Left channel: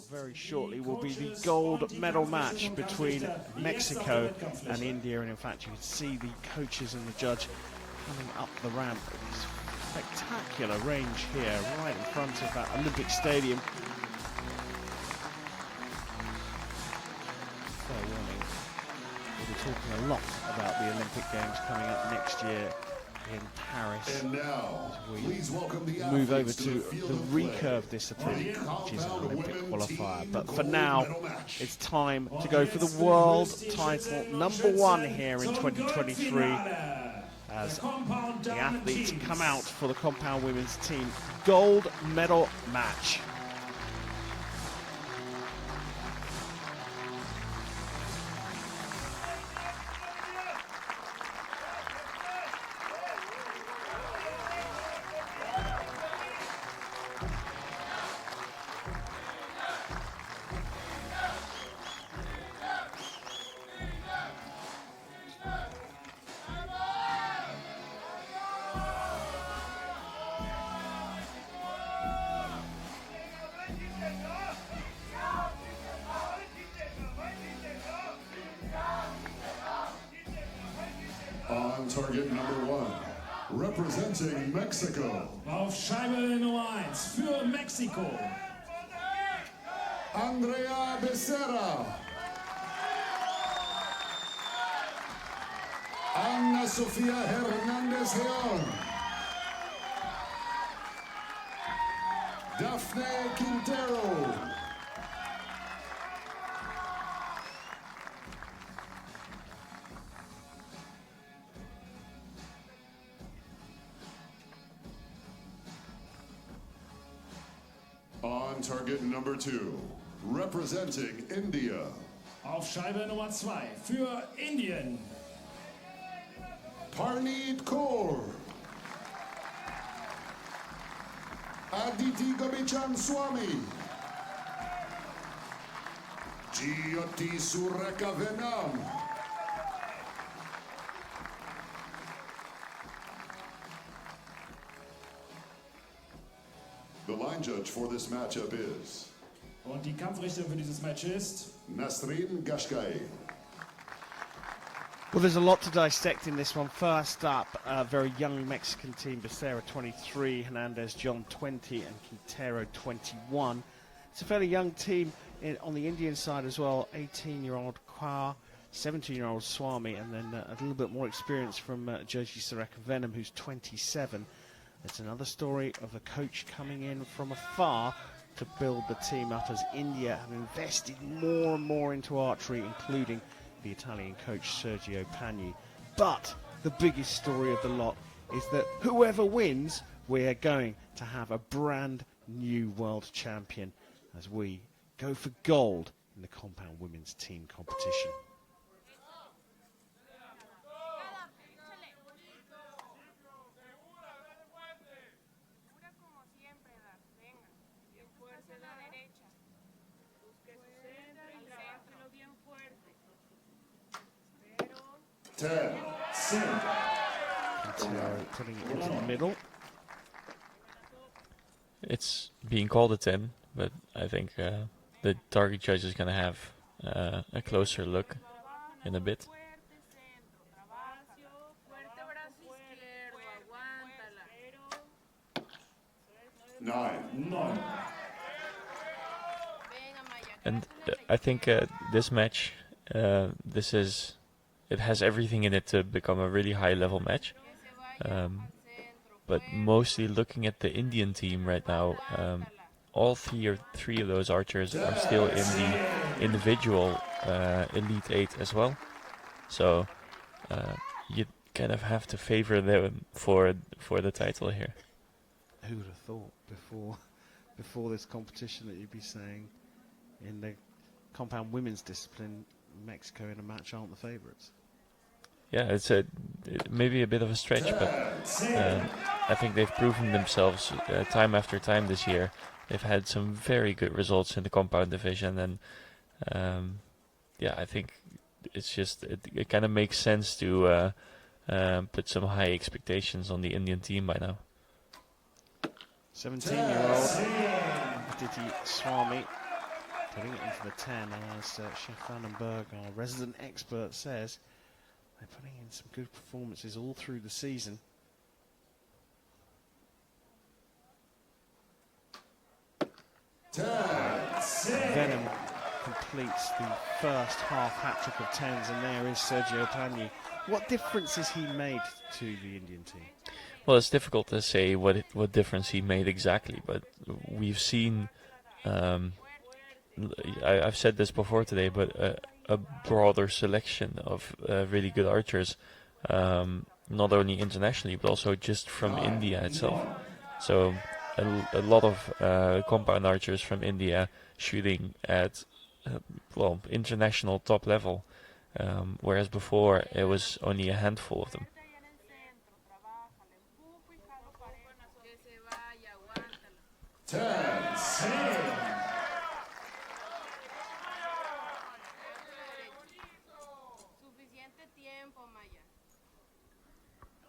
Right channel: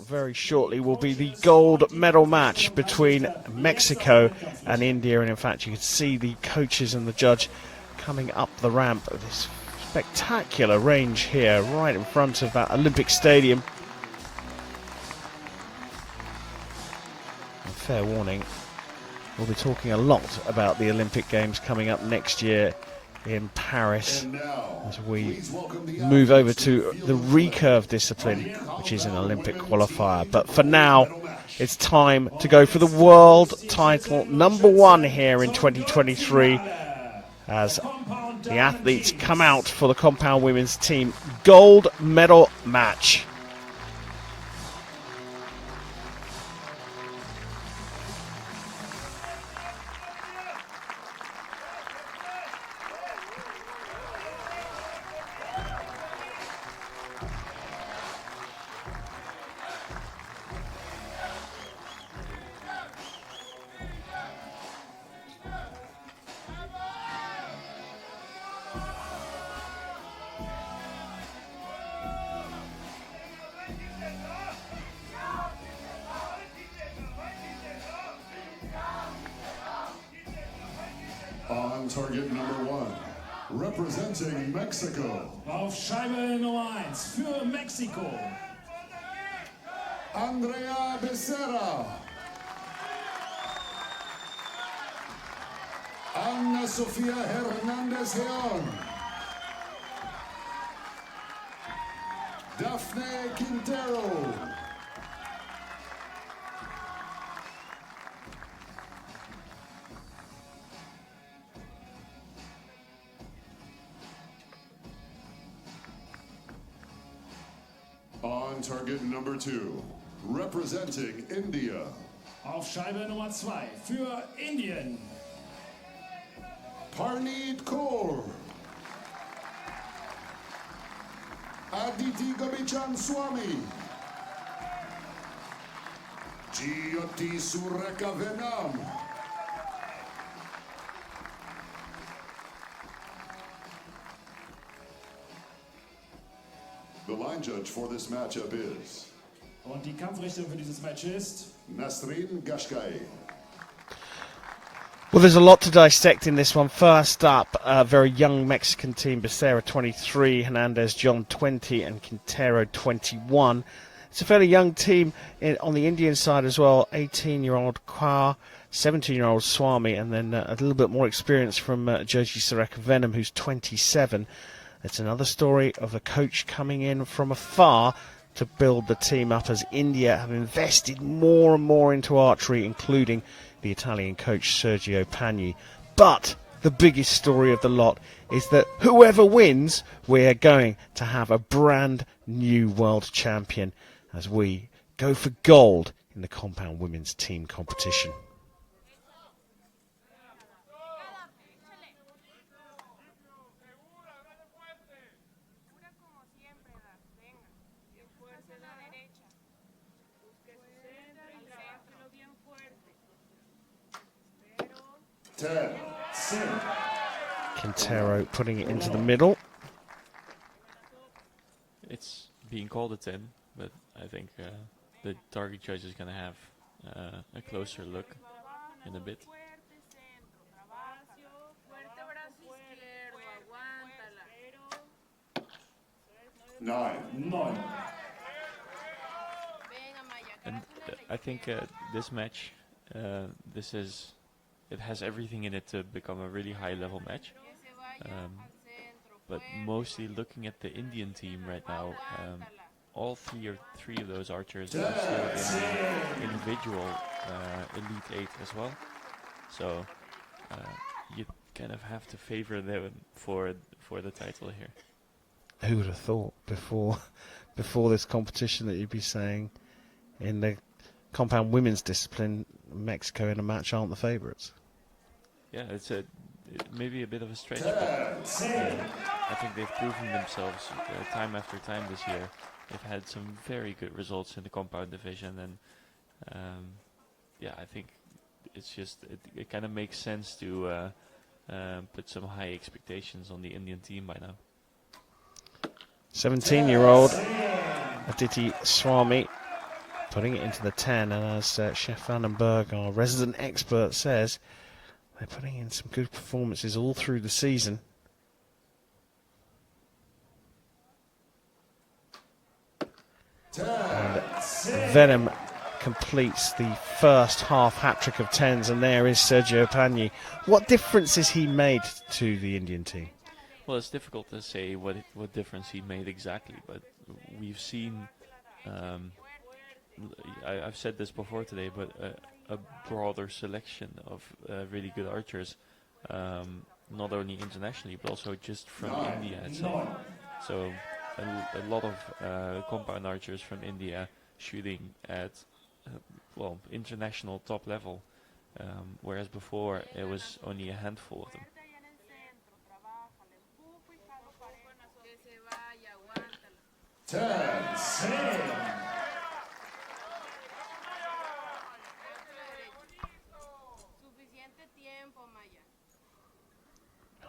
out very shortly will be the gold medal match between Mexico and India. And in fact, you can see the coaches and the judge coming up the ramp of this spectacular range here, right in front of that Olympic Stadium. Fair warning, we'll be talking a lot about the Olympic Games coming up next year in Paris as we move over to the recurve discipline, which is an Olympic qualifier. But for now, it's time to go for the world title #1 here in 2023 as the athletes come out for the compound women's team gold medal match. On target #1, representing Mexico. Auf Scheibe Nummer 1 für Mexiko. Andrea Becerra. Ana Sofía Hernández León. Daphne Quintero. On target #2, representing India. Auf Scheibe Nummer 2 für Indien. Parneet Kaur. Aditi Gobichan Swami. Jyoti Sureka Venam. The line judge for this matchup is... Und die Kampfrichter für dieses Match ist... Nasrin Gashgai. Well, there's a lot to dissect in this one. First up, a very young Mexican team, Becerra 23, Hernandez John 20, and Quintero 21. It's a fairly young team on the Indian side as well. 18-year-old Kaur, 17-year-old Swami, and then a little bit more experience from Joji Sareka Venom, who's 27. It's another story of a coach coming in from afar to build the team up, as India have invested more and more into archery, including the Italian coach Sergio Pagni. But the biggest story of the lot is that whoever wins, we're going to have a brand new world champion as we go for gold in the compound women's team competition. Quintero putting it into the middle. It's being called a 10, but I think the target judge is going to have a closer look in a bit. Nine. And I think this match, it has everything in it to become a really high-level match. But mostly looking at the Indian team right now, all three of those archers are still in the individual Elite 8 as well. So you kind of have to favor them for the title here. Who would have thought before this competition that you'd be saying in the compound women's discipline, Mexico in a match aren't the favourites? Yeah, it's maybe a bit of a stretch, but I think they've proven themselves time after time this year. They've had some very good results in the compound division, and yeah, I think it's just it kind of makes sense to put some high expectations on the Indian team by now. 17-year-old Aditi Swami putting it into the 10, and as Chef Vandenberg, our resident expert, says, they're putting in some good performances all through the season. Venom completes the first half hat-trick of 10s, and there is Sergio Pagni. What difference has he made to the Indian team? Well, it's difficult to say what difference he made exactly, but we've seen, I've said this before today, but a broader selection of really good archers, not only internationally, but also just from India itself. So a lot of compound archers from India shooting at, well, international top level, whereas before it was only a handful of them.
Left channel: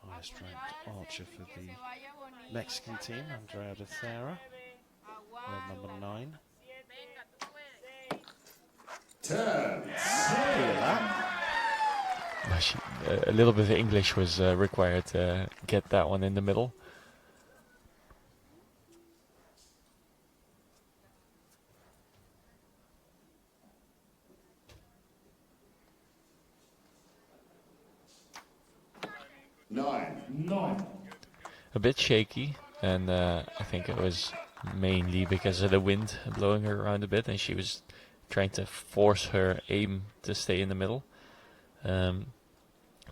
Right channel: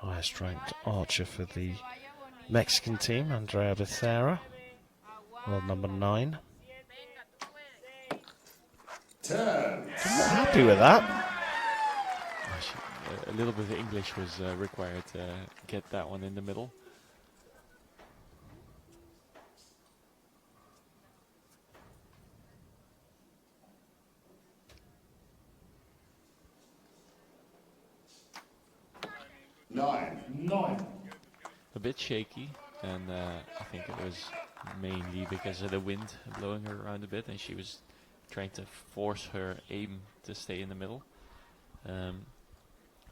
Highest ranked archer for the Mexican team, Andrea Becerra, world number 9. Happy with that. A little bit of English was required to get that one in the middle. Nine. A bit shaky, and I think it was mainly because of the wind blowing her around a bit, and she was trying to force her aim to stay in the middle.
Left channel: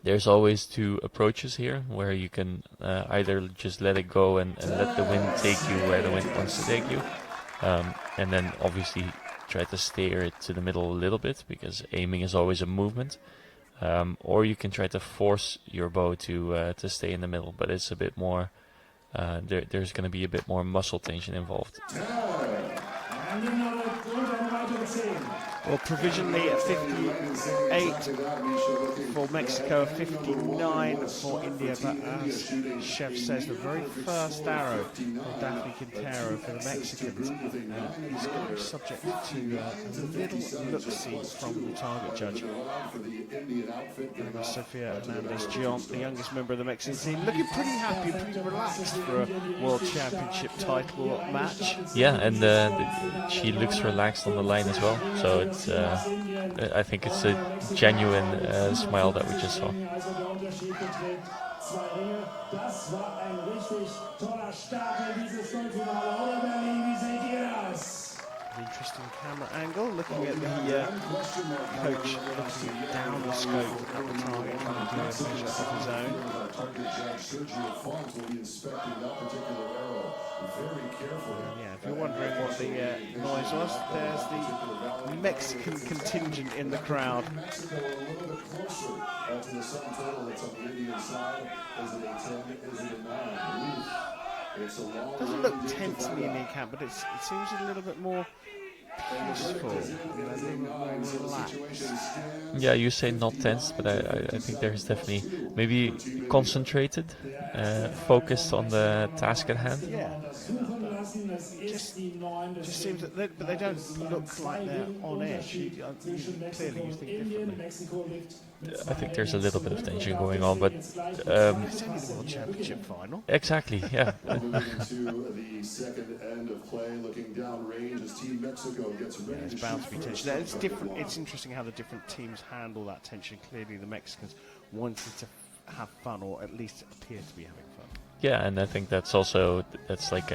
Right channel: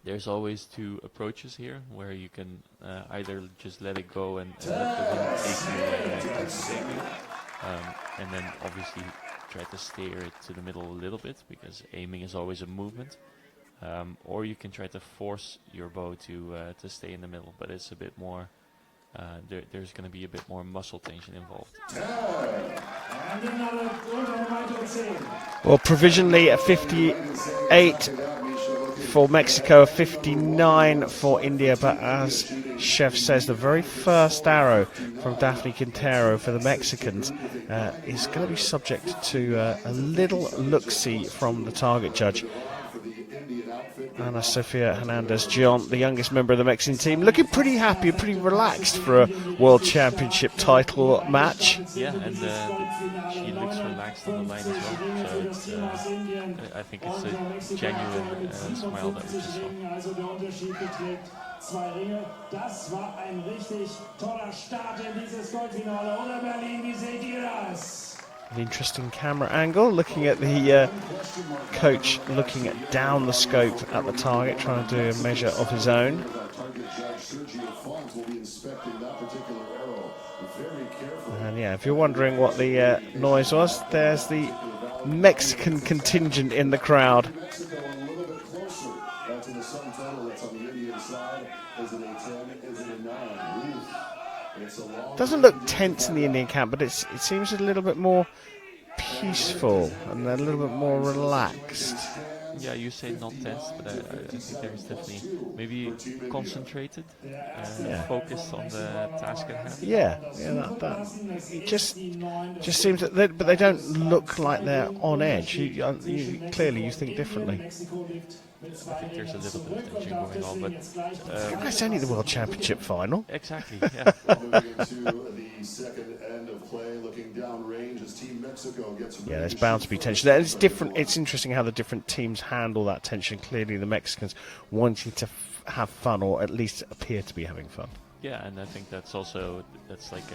There's always two approaches here, where you can either just let it go and let the wind take you where the wind wants to take you, and then obviously try to steer it to the middle a little bit, because aiming is always a movement. Or you can try to force your bow to stay in the middle, but it's a bit more. There's going to be a bit more muscle tension involved. Well, provisionally at 58 for Mexico, 59 for India, but as Chef says, the very first arrow from Daphne Quintero for the Mexicans is going to be subject to a little look-see from the target judge. Ana Sofia Hernandez-Gion, the youngest member of the Mexican team, looking pretty happy, pretty relaxed for a World Championship title match. Yeah, and she looks relaxed on the line as well. So it's, I think it's a genuine smile that we just saw. Das war ein richtig toller Start in dieses Goldfinale. Oder Berlin, wie seht ihr das? An interesting camera angle, looking at the coach looking down the scope at the target, trying to do a measure of his own. And yeah, if you're wondering what the noise was, there's the Mexican contingent in the crowd. Doesn't look tense in the Indian camp, but it seems a little bit more peaceful and a little bit more relaxed. Yeah, you say not tense, but I think there's definitely maybe concentrated, focused on the task at hand. Yeah, that just seems that, but they don't look like they're on edge. Clearly, you think differently. I think there's a little bit of tension going on, but it's only the World Championship final. Exactly, yeah. Yeah, there's bound to be tension there. It's different. It's interesting how the different teams handle that tension. Clearly, the Mexicans wanting to have fun, or at least appear to be having fun. Yeah, and I think that's like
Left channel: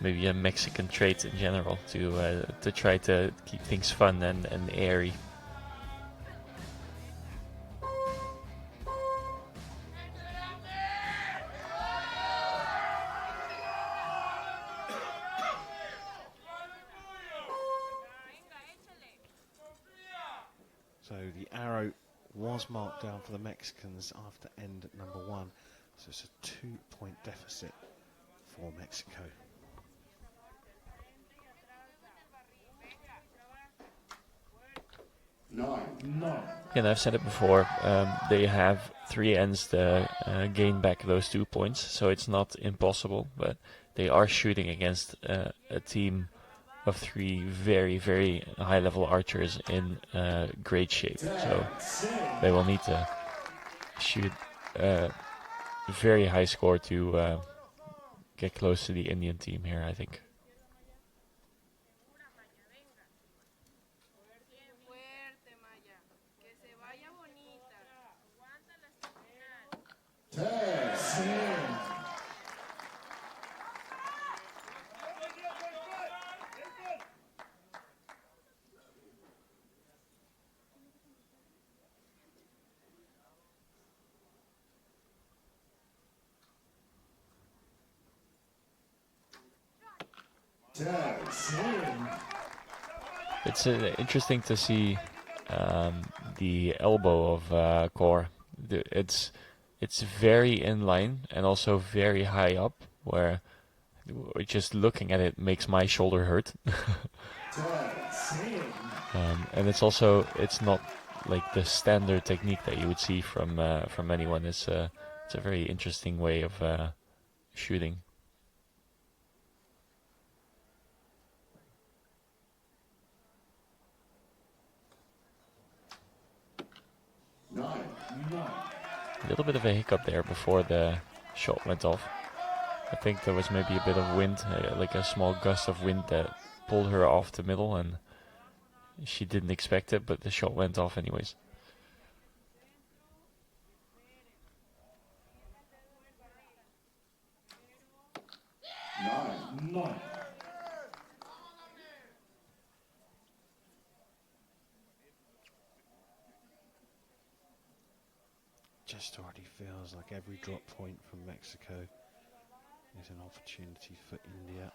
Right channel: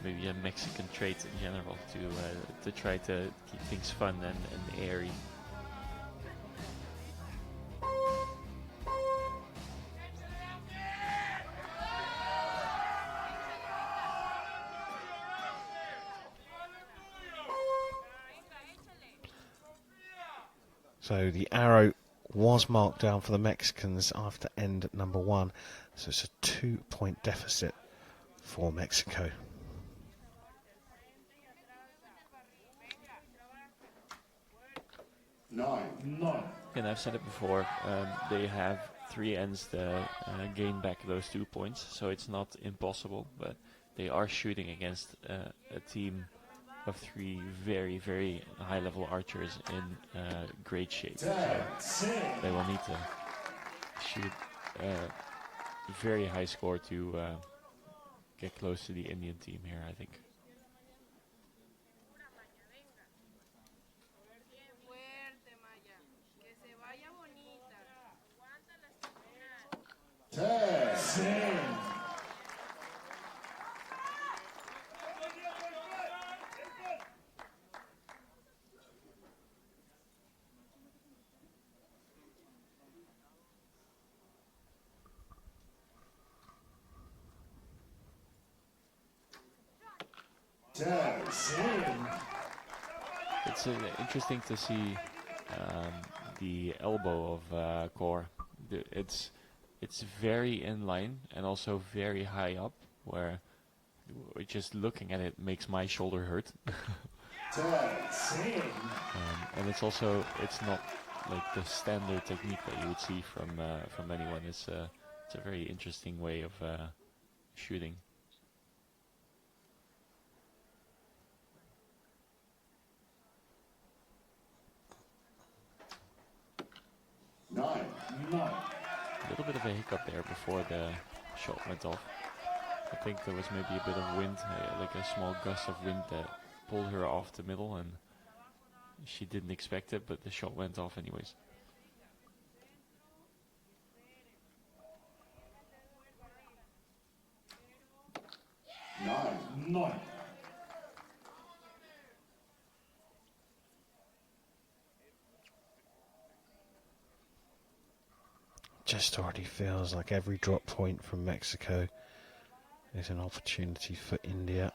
maybe a Mexican trait in general, to try to keep things fun and airy. So the arrow was marked down for the Mexicans after end number 1. So it's a 2-point deficit for Mexico. Nine. And I've said it before, they have 3 ends to gain back those 2 points, so it's not impossible, but they are shooting against a team of three very, very high-level archers in great shape. So they will need to shoot a very high score to get close to the Indian team here, I think. It's interesting to see the elbow of Core. It's very in line and also very high up, where just looking at it makes my shoulder hurt. And it's not like the standard technique that you would see from anyone. It's a very interesting way of shooting. A little bit of a hiccup there before the shot went off. I think there was maybe a bit of wind, like a small gust of wind that pulled her off the middle, and she didn't expect it, but the shot went off anyways. Nine. Just already feels like every drop point from Mexico is an opportunity for India.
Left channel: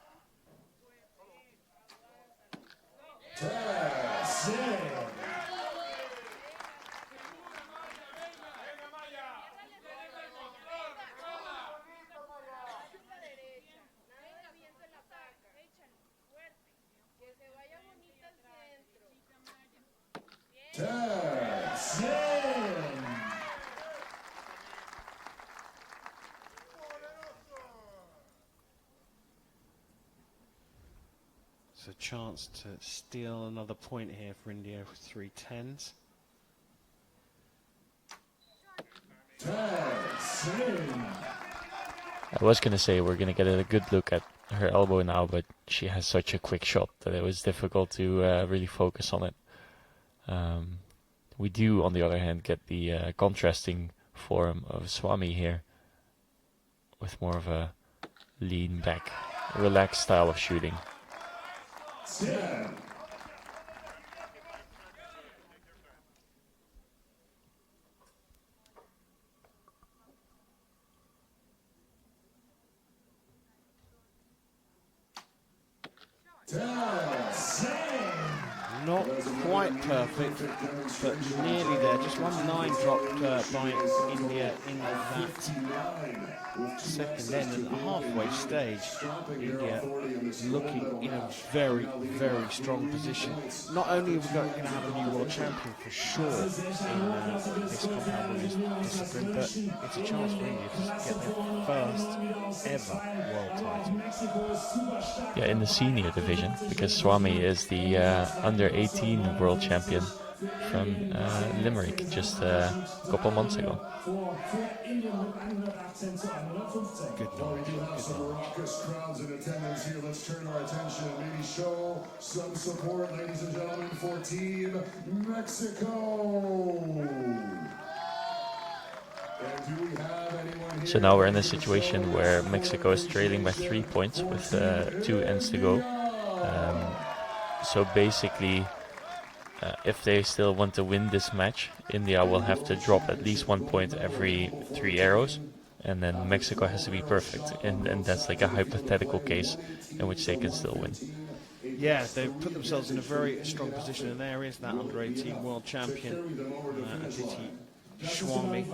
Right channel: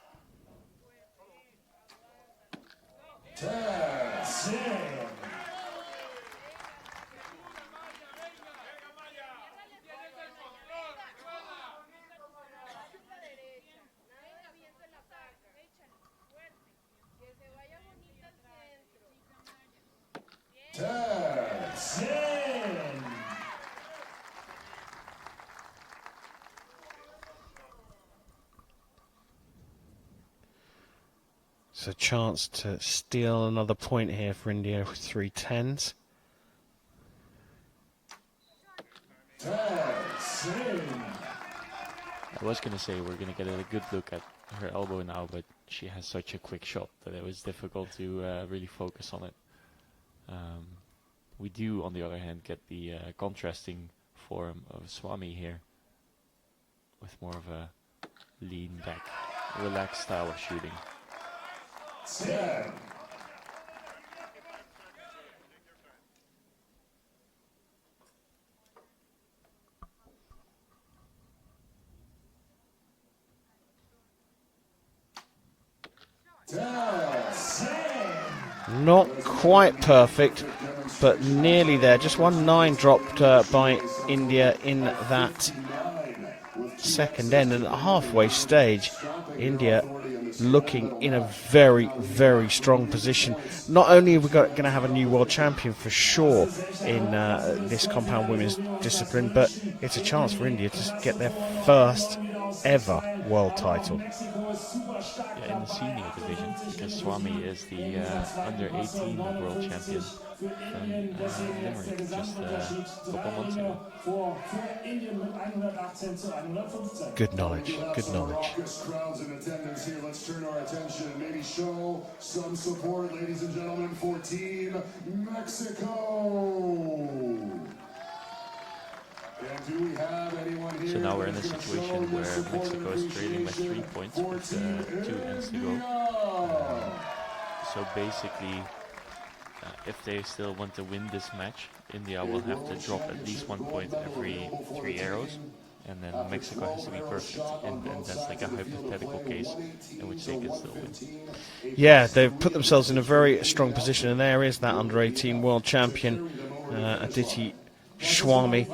So chance to steal another point here for India with 3 10s. I was going to say we're going to get a good look at her elbow now, but she has such a quick shot that it was difficult to really focus on it. We do, on the other hand, get the contrasting form of Swami here, with more of a lean back, relaxed style of shooting. Not quite perfect, but nearly there. Just 1-9 dropped by India in that second end. And at the halfway stage, India looking in a very, very strong position. Not only are we going to have a new world champion for sure in this compound women's discipline, but it's a chance for India to get their first ever world title. Yeah, in the senior division, because Swami is the under-18 world champion from Limerick just a couple months ago. Good knowledge, good knowledge. Crowds in attendance here. Let's turn our attention and maybe show some support, ladies and gentlemen, for Team Mexico. So now we're in a situation where Mexico is trailing by 3 points with 2 ends to go. So basically, if they still want to win this match, India will have to drop at least 1 point every 3 arrows, and then Mexico has to be perfect. And that's like a hypothetical case in which they can still win. Yeah, they've put themselves in a very strong position, and there is that under-18 world champion, Aditi Swami.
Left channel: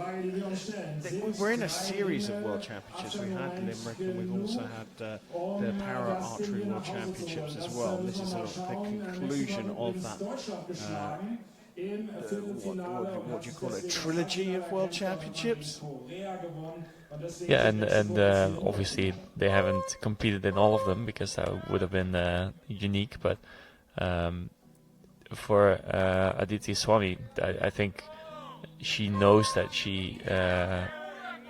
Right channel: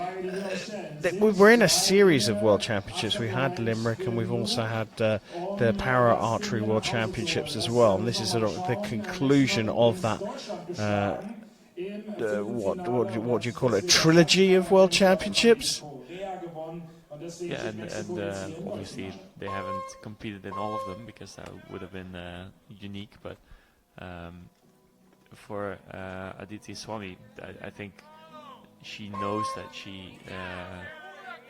We're in a series of world championships. We had Limerick, and we've also had the Para Archery World Championships as well. And this is the conclusion of that. What do you call it? A trilogy of world championships. Yeah, and obviously they haven't competed in all of them because that would have been unique. But for Aditi Swami, I think she knows that she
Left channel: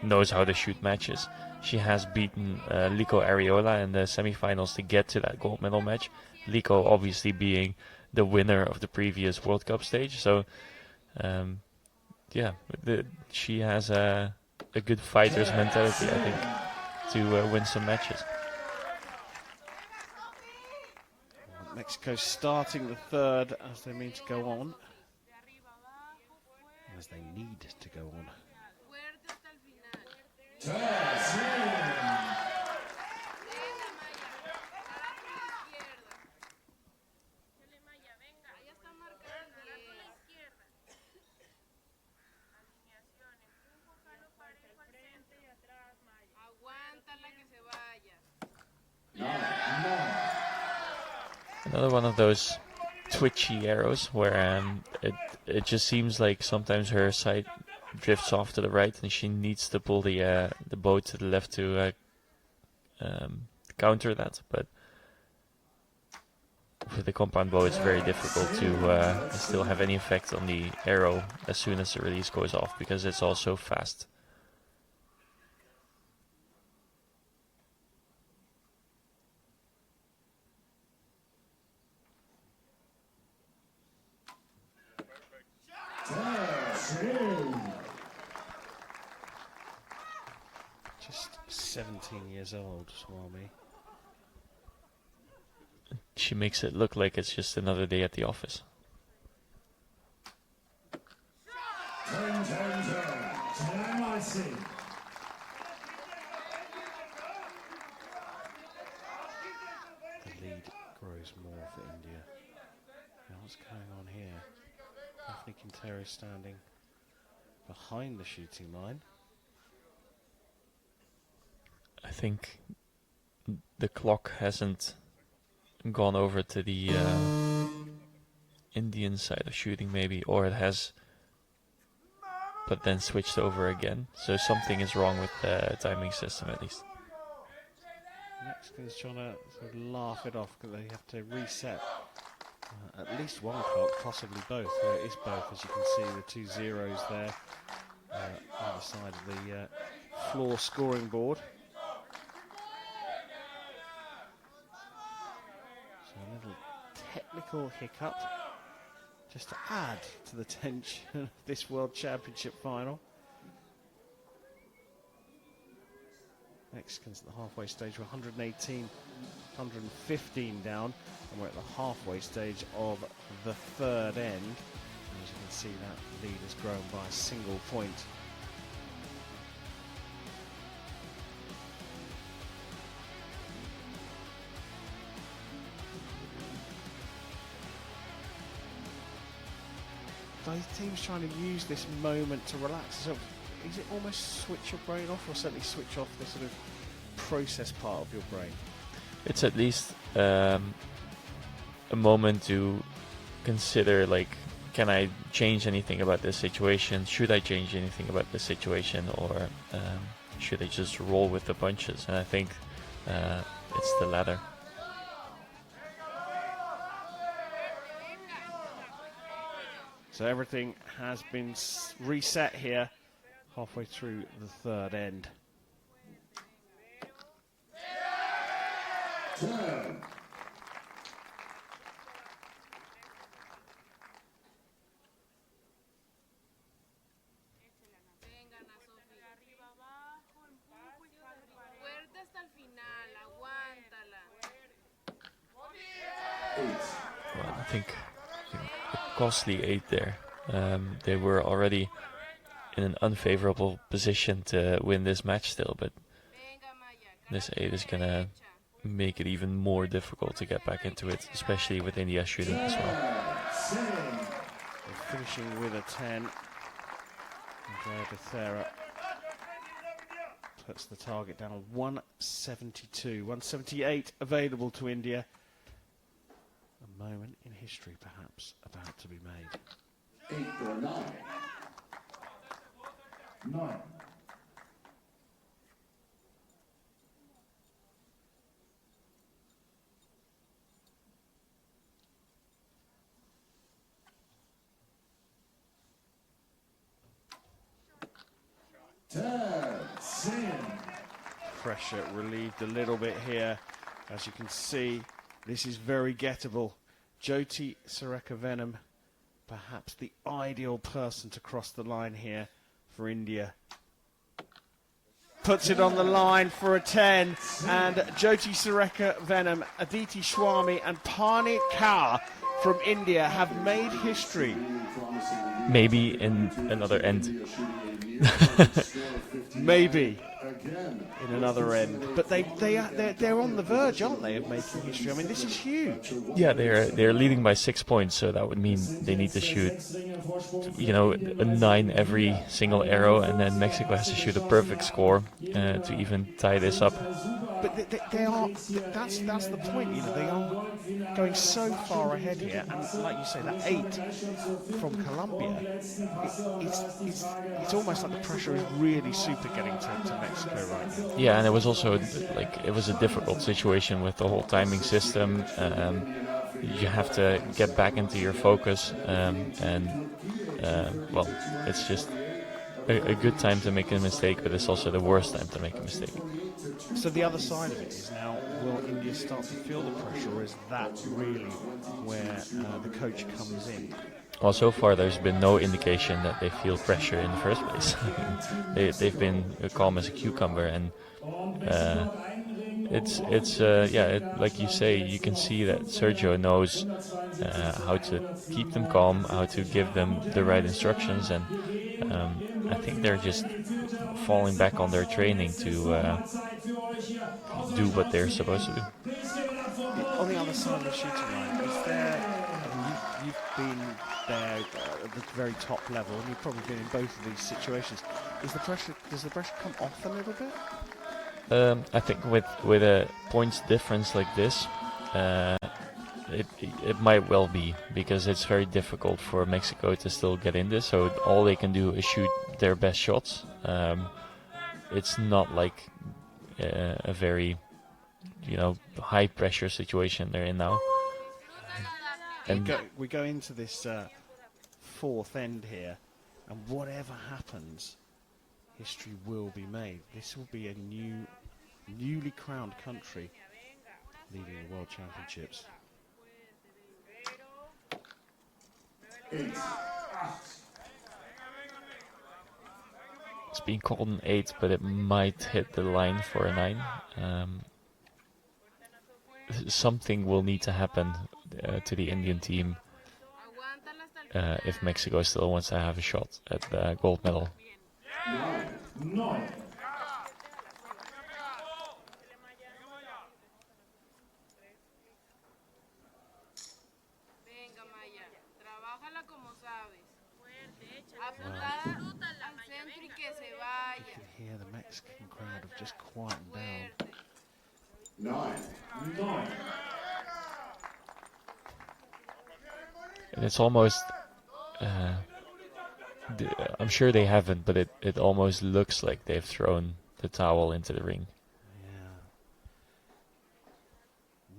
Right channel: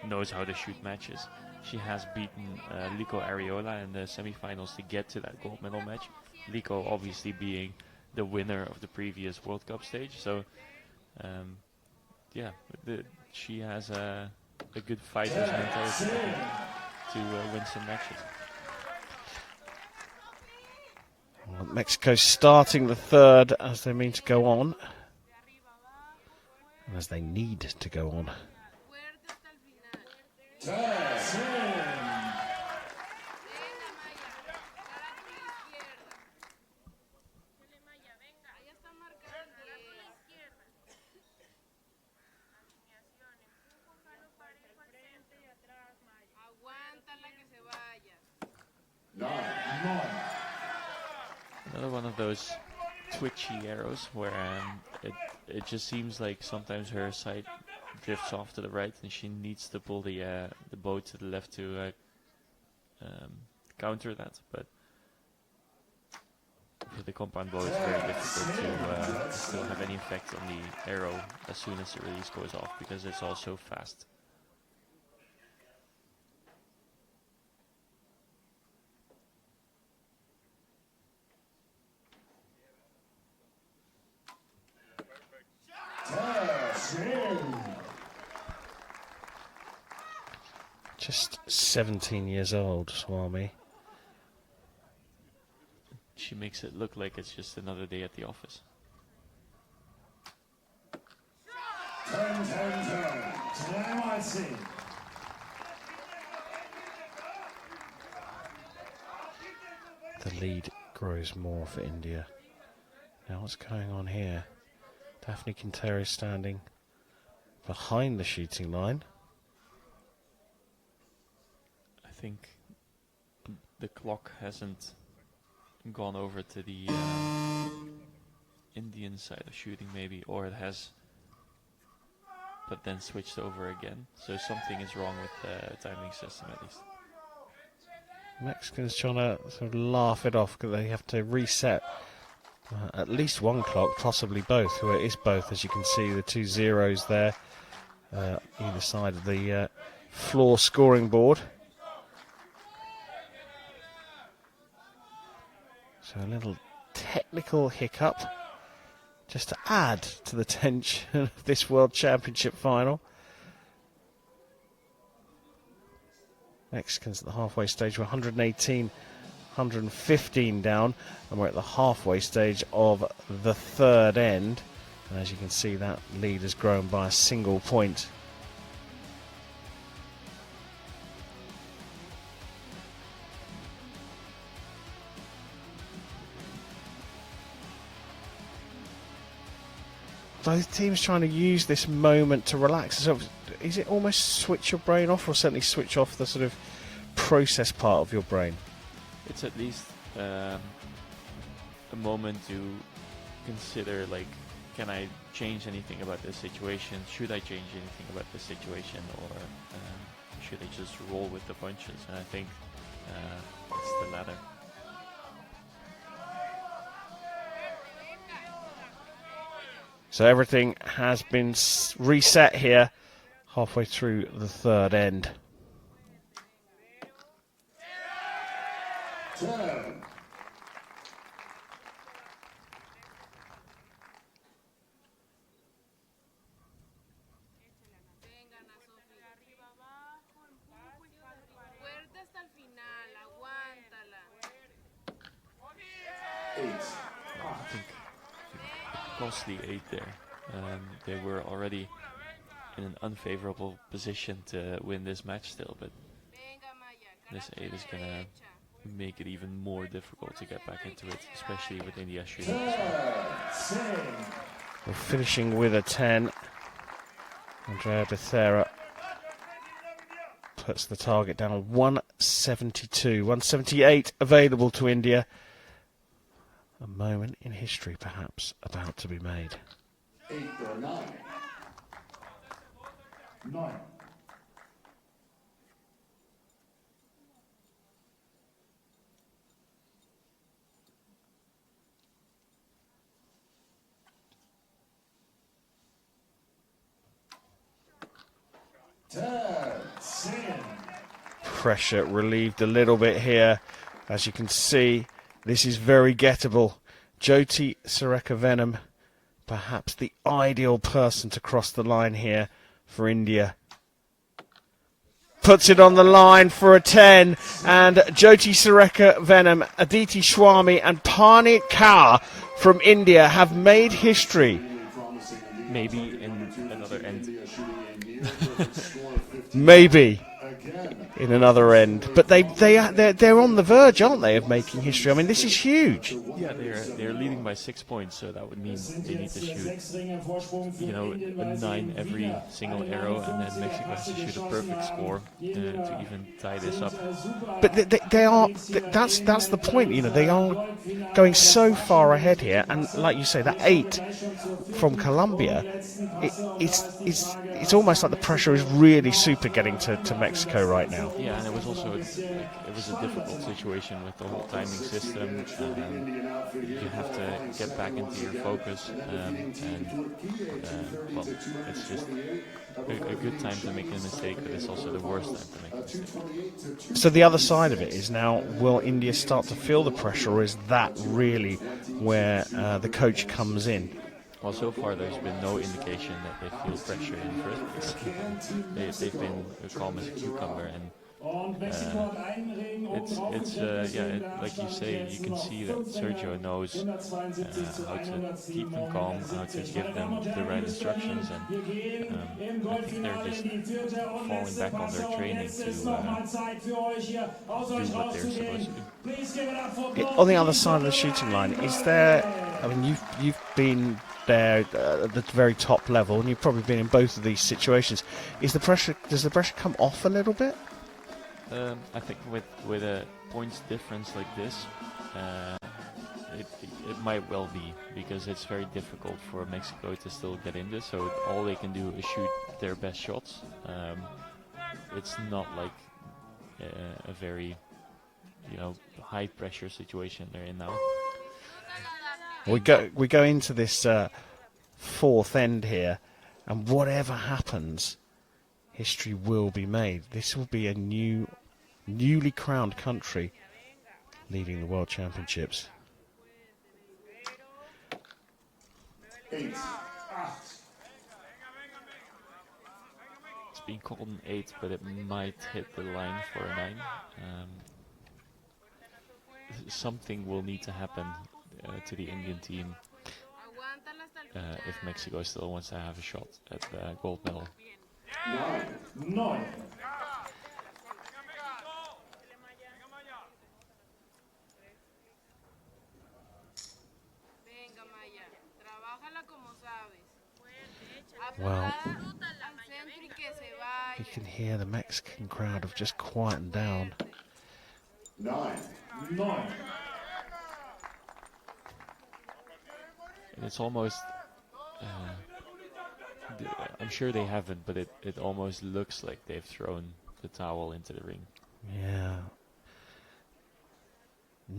knows how to shoot matches. She has beaten Liko Ariola in the semifinals to get to that gold medal match. Liko obviously being the winner of the previous World Cup stage. So yeah, she has a good fighter's mentality, I think, to win some matches. Well, Mexico starting the third as they mean to go on, as they need to go on. Another one of those twitchy arrows where it just seems like sometimes her sight drifts off to the right and she needs to pull the bow to the left to counter that. But with the compound bow, it's very difficult to still have any effect on the arrow as soon as the release goes off because it's all so fast. Just 17 years old, Swami. She makes it look like it's just another day at the office. 10-10-10. The lead grows more for India. Now what's going on here? Daphne Quintero standing behind the shooting line. I think the clock hasn't gone over to the Indian side of shooting maybe, or it has but then switched over again. So something is wrong with the timing system at least. Mexicans trying to sort of laugh it off because they have to reset at least one clock, possibly both. Well, it is both, as you can see, the 2 zeros there either side of the floor scoring board. So a little technical hiccup just to add to the tension of this World Championship final. Mexicans at the halfway stage were 118, 115 down, and we're at the halfway stage of the third end. And as you can see, that lead has grown by a single point. Both teams trying to use this moment to relax. So is it almost switch your brain off, or certainly switch off the sort of process part of your brain? It's at least a moment to consider, like, can I change anything about this situation? Should I change anything about this situation, or should I just roll with the punches? And I think it's the latter. So everything has been reset here, halfway through the third end. I think costly 8 there. They were already in an unfavorable position to win this match still, but this 8 is gonna make it even more difficult to get back into it, especially with India shooting as well. We're finishing with a 10. Andrea Becerra puts the target down on 172. 178 available to India. A moment in history perhaps about to be made. 8 or 9. 9. Pressure relieved a little bit here. As you can see, this is very gettable. Jyoti Sureka Venom, perhaps the ideal person to cross the line here for India. Puts it on the line for a 10, and Jyoti Sureka Venom, Aditi Swami and Parneet Kaur from India have made history. Maybe in another end. Maybe in another end, but they're on the verge, aren't they, of making history? I mean, this is huge. Yeah, they're leading by 6 points, so that would mean they need to shoot, a 9 every single arrow, and then Mexico has to shoot a perfect score to even tie this up. But they are. That's the point. They are going so far ahead here, and like you say, that 8 from Colombia, it's almost like the pressure is really super getting to Mexico right now. Yeah, and it was also it was a difficult situation with the whole timing system. You have to get back into your focus, well, it's just a good time to make a mistake, but it's also the worst time to make a mistake. So the other side of it is now, will India start to feel the pressure, or is that really where the coach comes in? Well, so far there's been no indication that they feel pressure in the first place. They've been calm as a cucumber, and like you say, you can see that Sergio knows how to keep them calm, how to give them the right instructions, and I think they're just falling back on their training to do what they're supposed to do. On the other side of the shooting line, is there? I mean, you've been there at the very top level, and you've probably been in both of these situations. Does the pressure come off a little bit? I think with a points difference like this, it might well be, because it's very difficult for Mexico to still get in this. So all they can do is shoot their best shots. It's not like a very high pressure situation they're in now. We go into this fourth end here, and whatever happens, history will be made. This will be a newly crowned country leading the World Championships. It's being called an 8, but it might hit the line for a 9. Something will need to happen to the Indian team if Mexico still wants to have a shot at the gold medal. Well, you can hear the Mexican crowd have just quietened down. 9. And it's almost, I'm sure they haven't, but it almost looks like they've thrown the towel into the ring. Yeah.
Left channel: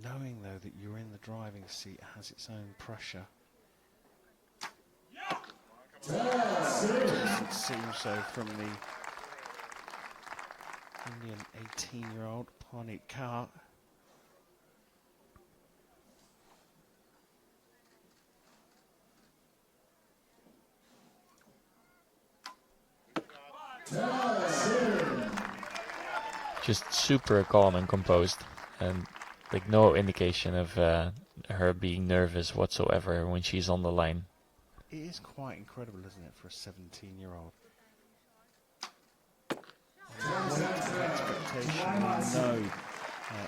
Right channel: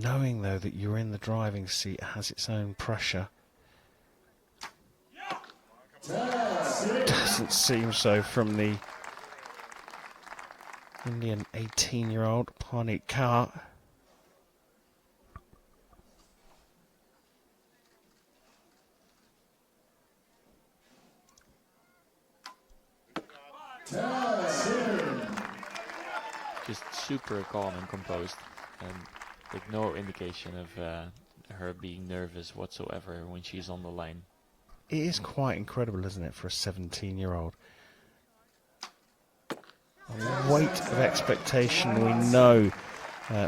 Knowing, though, that you're in the driving seat has its own pressure. Doesn't seem so from the Indian 18-year-old Parneet Kaur. Just super calm and composed, and like no indication of her being nervous whatsoever when she's on the line. It is quite incredible, isn't it, for a 17-year-old? The weight of expectation we know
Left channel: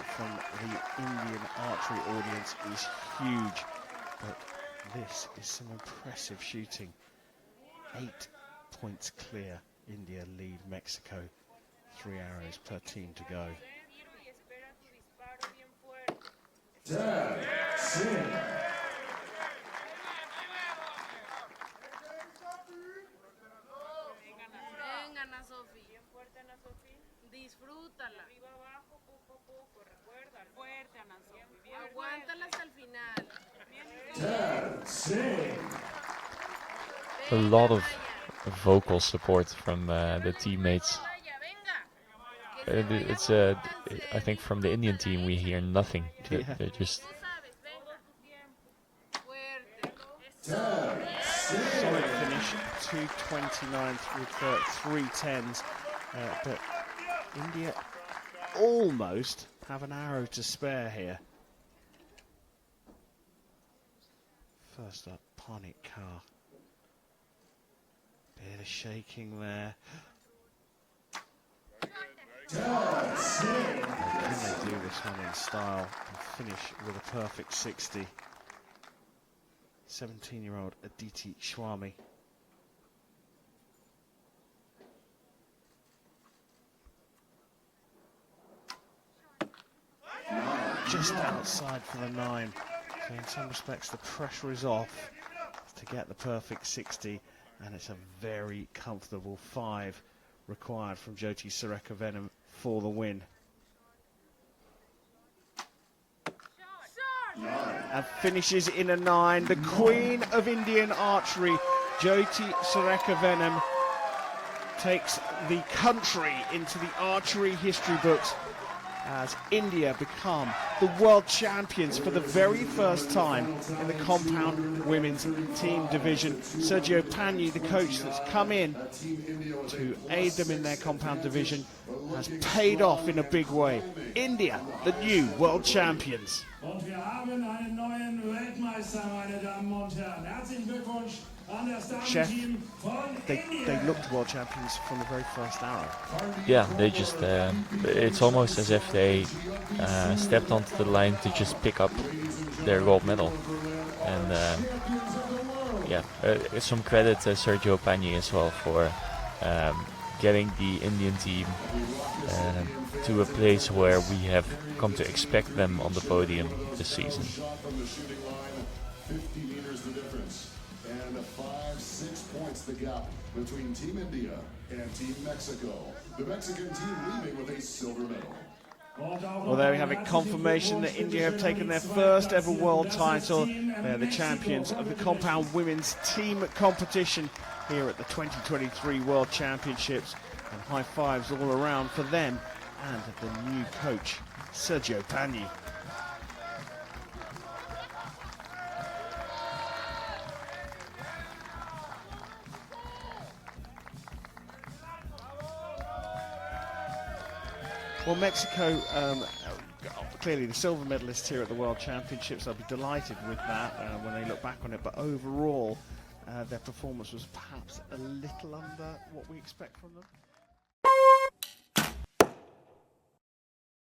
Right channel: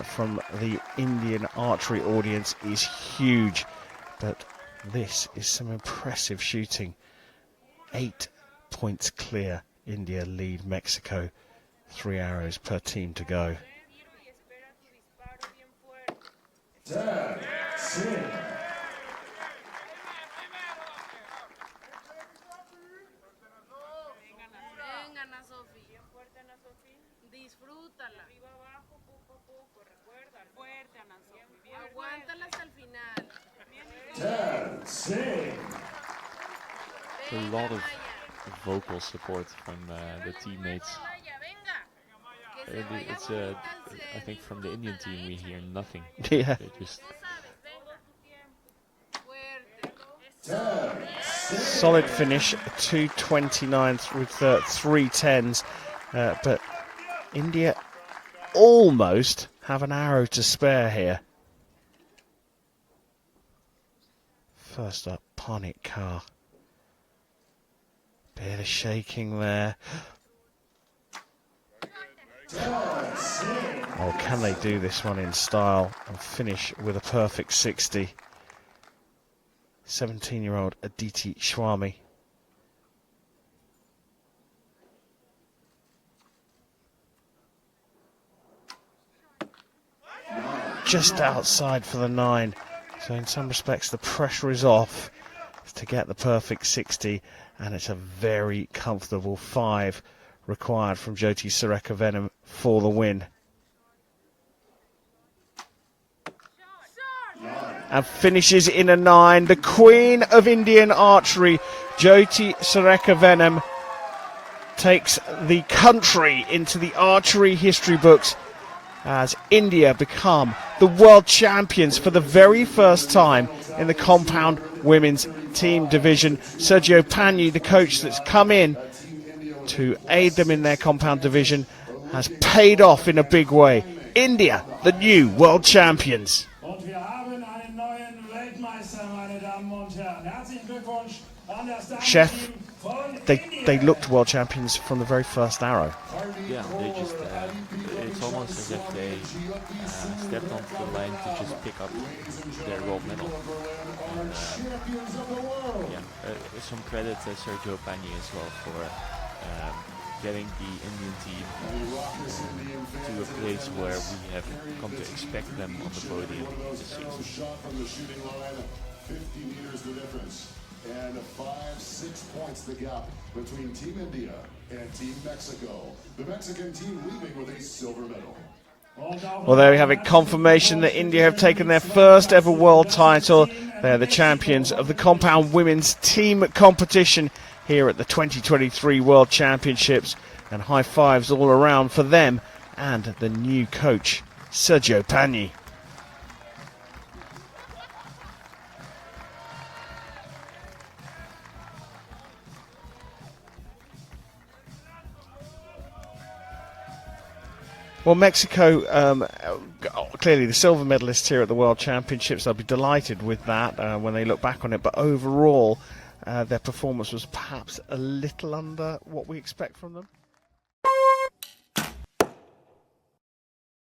from the Indian archery audience is huge, but this is some impressive shooting. 8 points clear. India lead Mexico. 3 arrows per team to go. Disfrútala. Arriba abajo, poco a poco, recuerda. Fuerte, Ana Sofía. Aguántala hasta el final. A lot of vocal support from the teammates. It's I think from the Indian team we hear nothing. Yeah. They're just Solid finish, 2:29 through 3:10s, but India almost have an arrow to spare here. First up, Parnit Kaur. Bit of shaking there. Oh, can they do this one in style and finish with a perfect 60? 17-year-old Aditi Swami. Just outside for the 9. So in some respects the pressure is off to get the perfect 60, and it's a very comfortable 5 required from Jyoti Surekavenim for the win. And finishes in a 9. The Queen of Indian Archery, Jyoti Surekavenim, takes the country into the archery history books as India become the world champions for the very first time in the compound women's team division. Sergio Pagni, the coach that's come in to aid them in their compound division, has paid off in a big way. India, the new world champions. Und wir haben einen neuen Weltmeister, meine Damen und Herren. Herzlichen Glückwunsch an das Chef, Damenteam von they India. looked world champions from the very first arrow. yeah, they just it's almost as if they stepped onto the line to just pick up their gold medal. And some credit to Sergio Pagni as well for getting the Indian team to a place where we have come to expect them on the podium this season. Shot from the shooting line, 50 meters the difference, and 5-6 points the gap between Team India and Team Mexico. The Mexican team leaving with a silver medal. Well, there we have it, confirmation that India have taken their first ever world title. They're the champions of the compound women's team competition here at the 2023 World Championships, and high fives all around for them and the new coach, Sergio Pagni. Well, Mexico, clearly the silver medalists here at the World Championships. They'll be delighted with that when they look back on it. But overall, their performance was perhaps a little under what we expect from them.